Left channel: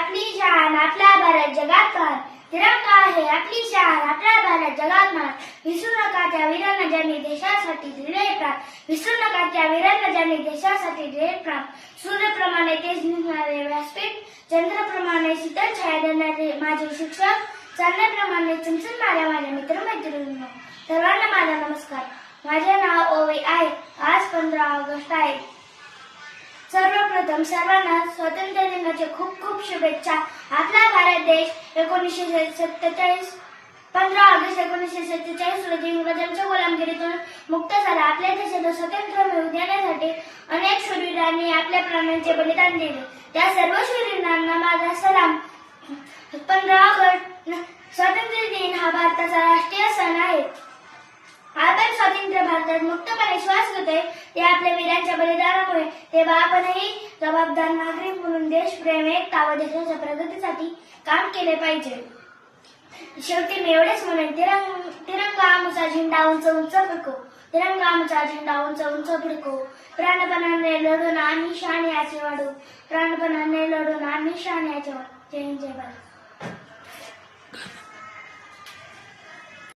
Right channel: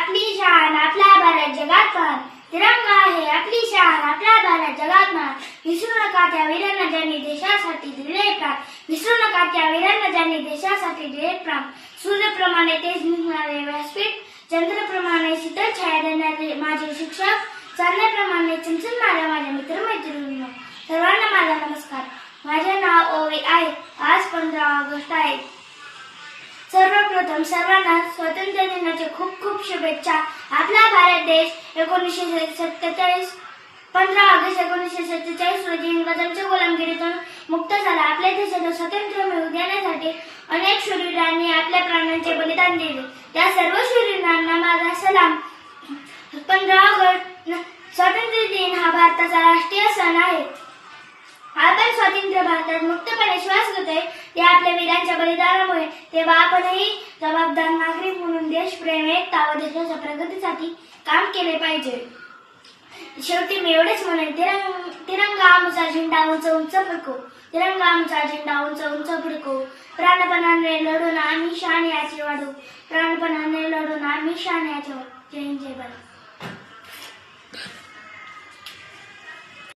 आपली शान, आपला भारत जगात महान. तिरंगा आहे आपली शान, आपला भारत जगात महान. विसरू नका त्या वीरांना ज्यांनी देशासाठी दिले प्राण. विसरू नका त्या वीरांना ज्यांनी देशासाठी दिले प्राण. सूर्याप्रमाणे तेज निघणारे व्यासपीठ, चंद्राप्रमाणे शीतल छाया देणारे माझे शिक्षक, चांदण्याप्रमाणे चमचमणाऱ्या माझ्या मित्रमैत्रिणींनो, सर्वांना माझा नमस्कार. माझे नाव ओवी आहे. आज 15 ऑगस्ट आहे. सर्वप्रथम सर्वांना स्वातंत्र्य दिनाच्या खूप खूप शुभेच्छा. आपला भारत देश 1947 15 ऑगस्ट 1947 रोजी इंग्रजांच्या गुलामगिरीतून मुक्त झाला. आपल्या देशाला स्वातंत्र्य मिळवून देण्यासाठी अनेक शूरवीरांनी आपल्या प्राणांचे बलिदान दिले. त्या सर्व शूरवीरांना माझा सलाम. 15 ऑगस्ट स्वातंत्र्य दिन हा भारताचा राष्ट्रीय सण आहे. आपण स्वातंत्र्य भारतात मुक्तपणे श्वास घेतोय ते आपल्या वीरांच्या बलिदानामुळे. तेव्हा आपणही जबाबदार नागरिक म्हणून देशप्रेम, एकता व देशाच्या प्रगतीसाठी काम केले पाहिजे. शेवटी मी एवढेच म्हणेन, तिरंगा आमचा झेंडा उंच उंच फडको, तिरंगा आमचा झेंडा उंच उंच फडको. प्राणपणाने लढून आम्ही शान याचे वाढू, प्राणपणाने लढून आम्ही शान याचे वाढू. जय हिंद, जय भारत.